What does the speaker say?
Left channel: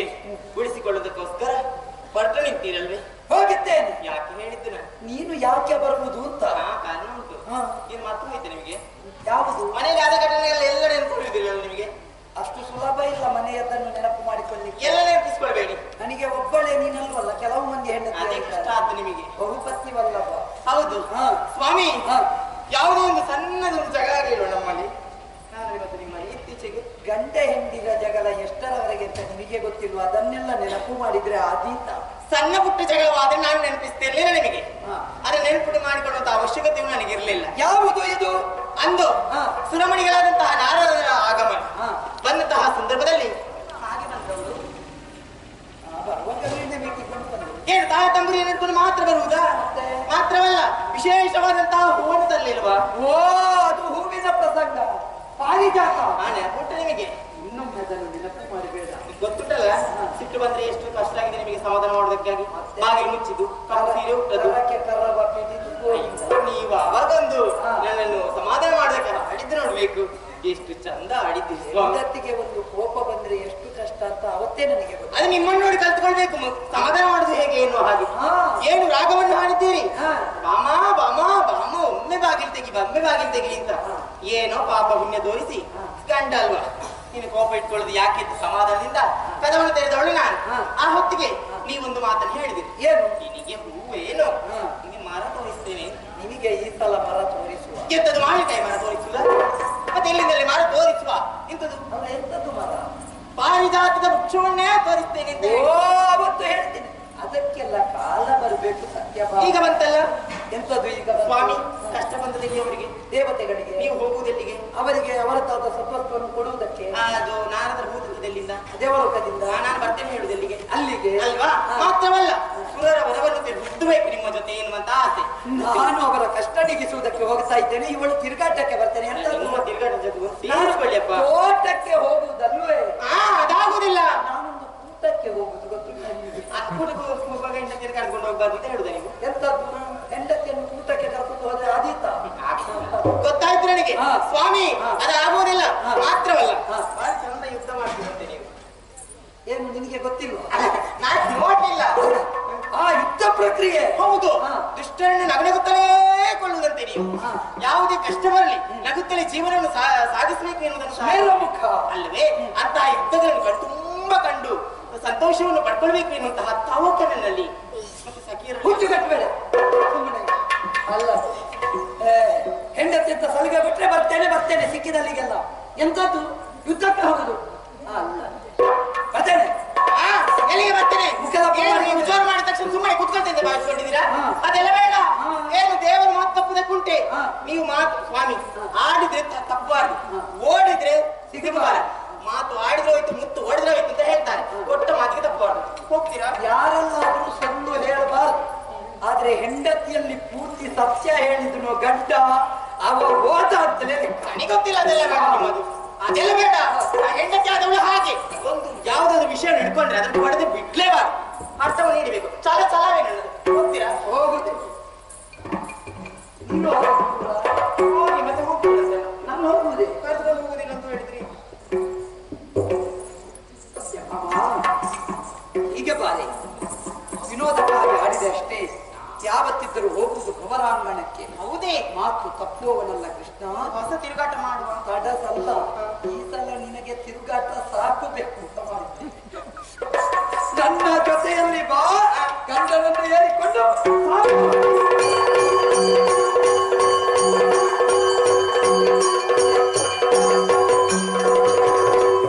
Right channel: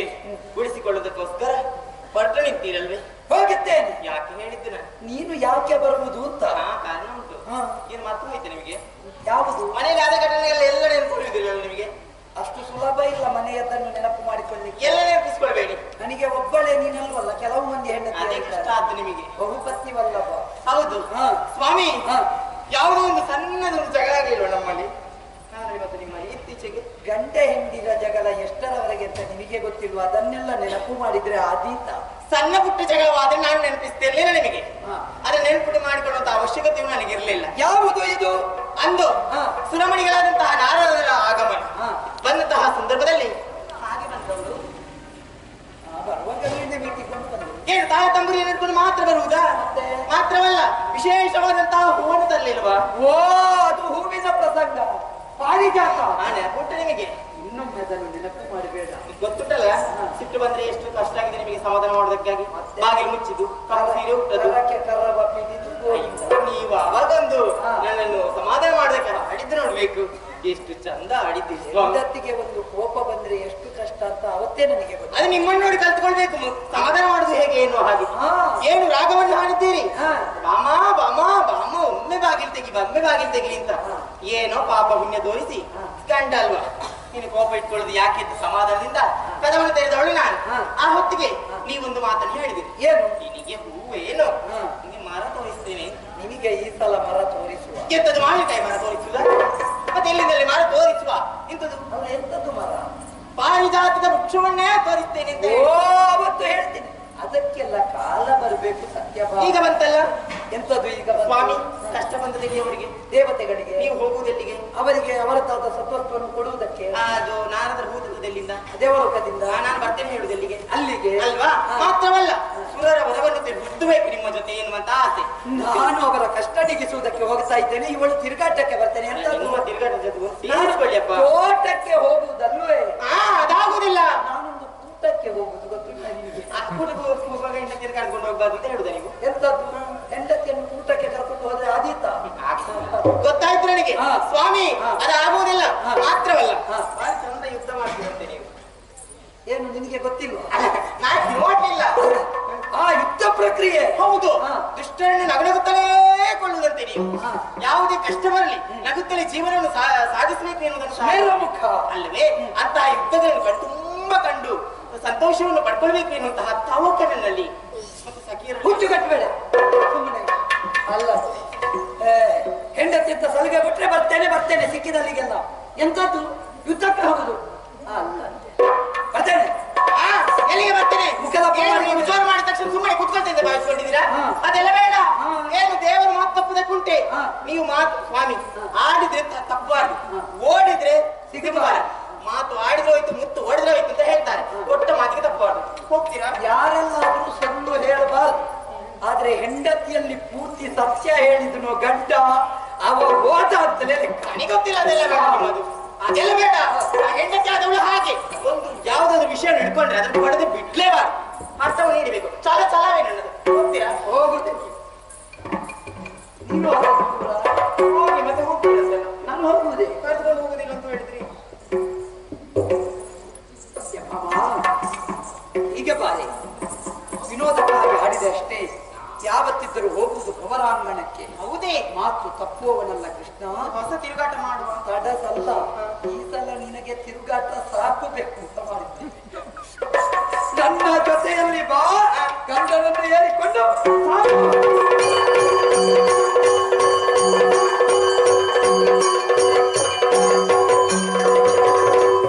ಇದ್ದೀರಿ, ಉಳಿಸಿಕೊಳ್ಳುವುದಕ್ಕೋಸ್ಕರ ಹೊರಟು ನಿಂತೀರಲ್ವೇ? ಹೋಗಿದ್ದೇನೆ. ಯಾಕೆ ಹೇಳಿದ್ದು ನಾನು? ನೀನು ಯಾಕೆ ಬರುವುದು ಅಂತ ಕಾರಣ ಉಂಟು. ಏನು ಮಾತು ಹೋಯ್ತು ನಿಮಗೆ? ಯಾವುದು? ಮನೆಯಲ್ಲಿ ಆದ ಘಟನೆಗಳ ಎಲ್ಲ ನೆನಪಿಕೊಳ್ಳುವುದಿಲ್ಲ ನಿಮಗೆ? ಅಷ್ಟು ಸುಲಭ ಇಲ್ಲ ಮನೆಯದನ್ನು ನೆನಪು ಮಾಡಿಕೊಳ್ಳಿಕ್ಕೆ. ಎಲ್ಲ ನೆನಪಿಸ್ಕೊಳ್ಬೇಡಿ. ನನಗೆ ಒಬ್ಬಳೇ ನೀನಲ್ವಲ್ಲ, ಕೆಲವು ಮಂದಿ ಹೆಂಡತಿ. ಅದೇ ಕಷ್ಟ ಆದ್ದು ನಿಮಗೆ. ಬಹುಪತ್ನಿವಲ್ಲವ. ಹೌದು ಸ್ವಾಮಿ. ಯಾವುದೋ ಒಂದು ಸಣ್ಣದೊಂದು ಜಗಳ ಆಗಲಿಲ್ವ ನಮ್ಮಲ್ಲಿ? ನಾನು ಇವತ್ತು ನಿಮ್ಮಲ್ಲಿ ಇತ್ತೀಚೆಗೆ ಗಂಡ ಹೆಂಡಿರ ಜಗಳ ಎಷ್ಟರವರೆಗೆ ಅಂತ ನಿಮಗೆ ಗೊತ್ತಿಲ್ವ? ಅದನ್ನೆಲ್ಲ ನೆನಪು ಮಾಡಿದ್ರೆ ಆದೀತ. ಸಣ್ಣ ಪುಟ್ಟ ಜಗಳವಾದ್ರೆ ನಾನು ನೆನಪಿಸ್ತೇನೆ ನಿಮಗೆ. ಅದನ್ನ ನೆನಪು ಮಾಡಿಕೊಳ್ಳುವಂತ ಅವಶ್ಯಕತೆಯೂ ನನಗೆ ಇರಲಿಲ್ಲ. ಯಾವುದು ಇದು? ಅಂದು ಸುರಮಣಿಗಳಾದಂತಹ ನಾರದರ ಆಗಮನ ಬಂದಂತಹ ಸಂದರ್ಭದಲ್ಲಿ ಹಾಗೆ ಬಂದವರು ಬರುವಾಗ ಮೀಟಿಕೊಂಡು ಬಂದರು. ಏನು ತಾಯ ತಂಬುರಿ ನೆನಪು ಮಾತ್ರ ಬರುವುದಾ? ಮಾತ್ರವಲ್ಲ, ವಿಶೇಷವಾದಂತಹ ಹೂವನ್ನು ತರಲಿಲ್ವಾ? ಓ, ಅದು ಹೂವಿನ ಪ್ರಸಂಗ, ಪಾರಿಜಾತ. ನೆನಪುಂಟ ನಿಮಗೆ? ಇನ್ನೊಮ್ಮೆ ಅದನ್ನು ನೆನಪು ಮಾಡಬೇಡ. ಗೊತ್ತುಂಟಲ್ಲ, ಸಿಟ್ಟು ಬಂದ್ರೆ ಎಷ್ಟು ಕಷ್ಟ ಆಗಿದೆ ನಿಮಗೆ ಸಮಾಧಾನ ಮಾಡೋದಕ್ಕಾಗಿ. ಬಾಗಿಲು ಮುಚ್ಚಿದ್ದು, ಕಪ್ಪು ಸೀರೆ ಉಟ್ಟದ್ದು, ನೀವು ಅವಾಗೊಂದು ನನ್ನನ್ನು ಸಮಾಧಾನ ಮಾಡೋದಕ್ಕೆ ಆಡಿದ್ದು ನೋಡ್ಬೇಕು. ಎಷ್ಟು ಚಂದ ಆಡಿದ್ದೀರಿ. ಹೆಂಡತಿಗೆ ಒಂದು ಕೋಪ ಬಂದ್ರೆ ಎಷ್ಟು ಕಷ್ಟ ಅಂತ ಅವತ್ತೇ ನನಗೆ ಗೊತ್ತು. ಅದು ನಿಮ್ಮನ್ನು ನೋಡಿ ಕಲ್ತ್ಕೊಳ್ಬೇಕು. ಸಮಾಧಾನ ಮಾಡುದು ಹೇಗೆ ಎನ್ನುವ ಹಾಗೆ. ಏನು ರಾಗವನ್ನು ಹಾಡಿದ್ದೀರಿ? ಬಾಮ ಬಾಮ ಬಾಮ, ಒಮ್ಮೆ ಬಾಗಿಲು ತೆಗಿ, ಒಮ್ಮೆ ಬಾಗಿಲು ತೆಗಿ ಅಂತ. ಏನೋ ಪಾಪ ಪುಣ್ಯ ತೋರಿಸಿ ಗಂಡ ಅಲ್ವಾ, ನೀನು ಕೋಪ ಇಟ್ಕೊಳ್ಳೋದು ಯಾಕೆ ಅಂತ ಸಮಾಧಾನದಿಂದ ಕದವನ್ನು ತೆರೆದವಳು ನಾನು. ಆ ಹೊತ್ತಿಗೆ ನೀವೊಂದು ಮಾತನ್ನು ಹೇಳಿದಿರಿ. ಏನು? ನಿನಗೆ ಹೂವೇನು, ನಿನಗೆ ಮರ ತೋರಿಸ್ತೇನೆ. ನಿನಗೆ ಈ ಸಲ ಮರ ತೋರಿಸುವ? ಎಂತದ್ದು ಮಾವಿನಕಾಯಿ ಮರ ತೋರಿಸುವುದ? ಮತ್ತೆ ಎಲ್ಲಿಂದಲ್ಲಿ ಮರ ತೋರಿಸುವ? ಇಂಥದ್ದು ಅಲ್ಲ, ಎಂತದ್ದು ಮರ? ಪಾರಿಜಾತದ ವೃಕ್ಷವನ್ನೇ ತೋರಿಸ್ತೇನೆ ಅಂತ. ಅವತ್ತು ಹೇಳ್ತೀನಿ. ಅದಕ್ಕೆಲ್ಲ ಕಾಲ ಬರಬೇಕು. ಸತ್ಯ ಈಗ ಬಂತಲ್ಲ. ಎಂತದ್ದು ಈಗ? ಸ್ವಾಮಿ, ಕಷ್ಟ ಬಂದದಲ್ಲಿ ಅವರಿಗೆ, ದೇವತೆಗಳಿಗೆ. ನೀವು ಹೋಗುವುದೆಲ್ಲಿಗೆ? ಅವರಿಗೆ ಅವರದ್ದಾದ ಸತ್ವತ್ವವನ್ನು ಕೊಡುವುದಕ್ಕೆ. ಅದು ನಾರದರ ಭೂತದಲ್ಲಿಂದ, ದೇವಲೋಕದಿಂದ. ನಾನು ಬರ್ತೇನೆ ಹೇಳುವುದೆಲ್ಲಿಗೆ? ಅಲ್ಲಿಗೆ ಅಲ್ವಾ? ಮಾತ್ರವಲ್ಲ, ಸುರರ ವರವನ್ನು ಹುಟ್ಟಬೇಕು ನಿಮ್ಮ ಜೊತೆ ಎನ್ನುವಂತ ಆಸೆ. ನಾನು ಅವರ ಕಷ್ಟ ನೀಗಿಸುವುದಕ್ಕೆ ಹೋಗ್ತಾ ಇದ್ದೇನೆ, ಇವಳು ತಿರುಗಾಟಕ್ಕೆ ಬರ್ತೇನೆ ಅಂತ. ನಿಮ್ಮ ತಿರುಗಾಟದ ಜೊತೆ ಸೇರಿಸಿಕೊಳ್ಳಿಯಪ್ಪ. ತೋಟಕ್ಕೆ ಹೋಗುವುದಲ್ವೇ? ಅದಾಗುದಿಲ್ಲ. ನಾನೊಂದು ಕೂಟಕ್ಕೆ ಹೋಗುದು, ಗೊತ್ತಿಲ್ಲ ನಿಮಗೆ? ಹೆಂಡತಿ ಕರ್ಕೊಂಡು ಹೋಗ್ಬಾರ್ದು ಅಂತ ಹೇಳುದ ನೀವು? ಎಂತದ್ದು? ಹೆಂಡತಿಯನ್ನು ಕೂಟಕ್ಕೆ ಕರ್ಕೊಂಡು ಹೋದ್ರೆ ಆದೀತ? ಗೊತ್ತಾಯ್ತು ನನಗೆ ಸ್ವಾಮಿ. ಅದಾಗುವುದಿಲ್ಲ. ಮಾತ್ರವಲ್ಲ, ಬಹಳ ಚಂದ ಯುದ್ಧ ಮಾಡ್ತೀರಂತೆ ನೀವು. ಏನು ನಿನಗೆ ಗೊತ್ತಿಲ್ವ? ನಾನು ನೋಡ್ಲಿಲ್ಲ ಆ ಯುದ್ಧ ಪ್ರಕ್ರಿಯೆ. ಹೌದು, ದುಷ್ಟರನ್ನು ನಗುತ್ತಲೇ ಕೊಳ್ಳುವುದಂತೆ ನೀವು. ಯಾವುದೇ ಕಷ್ಟ ಬರಲಿ ನಗುತ್ತಲೇ ಜೀವನವನ್ನು ಸಾಗಿಸಬೇಕು ಎನ್ನುವುದನ್ನು ಮುಖ ಅಲ್ಲವೇ? ಅಂತಹ ಯುದ್ಧಗಳನ್ನು ತುಂಬಾ ಕಂಡು ಸಂತೋಷವನ್ನು ಪಡ್ಕೊಳ್ಬೇಕು ಎನ್ನುವಂತಹ ತವಕನಲ್ಲಿ ಮತ್ತು ಸಖಿಯರು. ಹುಚ್ಚು ಕಟ್ಟಬೇಡ ಸುಮ್ಮನೆ. ಅಲ್ಲ, ಹೆಂಡತಿ ಅಂತ ಸಲಿಗೆ ಬಿಟ್ರೆ ಬರ್ತೇನೆ ಸಿಕ್ಕಿದಲ್ಲಿಗೆಲ್ಲ. ಎಂತದ್ದು? ಯುದ್ಧಕ್ಕೆ ಹೋಗುದು? ಅಲ್ಲ, ಬರ್ತೇನೆ. ಎಲ್ಲಿಗೆ ಬರ್ತೇನೆ? ವಿಚಾರ ಮಾಡಿದ ತಕ್ಷಣ ಸುಮ್ಮನೆ ಕುತ್ಕೊಳ್ತೇನೆ ಭಾವಿಸ್ಕೊಂಡಿದ್ದೀರಾ? ಅದೆಲ್ಲ ಬೇಡ. ಏನು ದೇವರು ಮಾತು ತಪ್ಪುದಕ್ಕುಂಟೆ. ನೀವು ಮಾತು ಸ್ವಾಮಿ ಆಡಿದ್ರೆ ತಪ್ಪಬಾರ್ದು, ಓಡಿದ್ರೆ ಸಿಗಬಾರ್ದು. ಮಾತು ಆಡಿದ್ರೆ ಹೋಯ್ತು, ಮುತ್ತು ಓಡಿದ್ರೆ ಹೋಯ್ತು ಅಂತ ಹೇಳ್ತಾರೆ. ಕೊಟ್ಟ ಮಾತಿಗೆ ತಪ್ಪಬಾರ್ದು. ಹೋಗ್ತೀರಾ? ಯಾರೆಲ್ಲಾದ್ರೂ ಸುಳ್ಳು ಹೇಳಬಾರ್ದು. ಆದ್ರೆ ಹೆಂಡತಿಯಲ್ಲಿ ಪೂರ್ತಿ ಸತ್ಯ ಹೇಳಿದ್ರು ಗಂಡ ಅವ ಹೋದ ಅಂತಲೇ ನನಗೆ ಗೊತ್ತಿಲ್ಲ. ಅದೆಲ್ಲ ಬೇಡ ನಿಮ್ಮದು, ಅದೆಲ್ಲ ಬೇಡ. ಹೆಂಡತಿ ಆದವಳು ಹಾಗೆ ಒಂದು ಯಾವುದಾದ್ರು ವಿಷಯ ಹಿಡ್ಕೊಂಡ್ರೆ ಅದನ್ನು ಹೊಡೆದು ಬಿಡ್ಲೇಬಾರ್ದು. ಅರ್ಥವನ್ನು ನೀಡಬೇಕು. ಚಲವೇ ನನ್ನದು. ಹೋಗ್ತೀರಾ? ಹೋಗುದು. ಹೋಗಿ ಮತ್ತೆ ಹೋಗ್ತೀರಾ? ನಾನು ಹೋಗುವುದೇ. ಕರೆದುಕೊಂಡು ಹೋಗುದಿಲ್ಲ ಅಂತ ಹೇಳಿದ್ರಿ. ಹೀಗೆ ಬಾರಿ ವಿನೋದಕ್ಕಾಗಿ ಆಡಿದೆ ಅಷ್ಟೇ. ಯಾವತ್ತಿದ್ದರೂ ಹೋಗುವುದು ಭವರಾಂಗಣಕ್ಕೆ. ಹೌದೇ? ಮಾತು ತಪ್ಪುವವನಲ್ಲ ಕೃಷ್ಣ. ಹೊಸ ತಿರುಗಾಟ ಮಾಡುವ ತಡಸಲ್ಲ. ಈ ಸಲ ನಿನಗೆ ತಿರುಗಾಟ ಸಾಕು ಬೇಕು.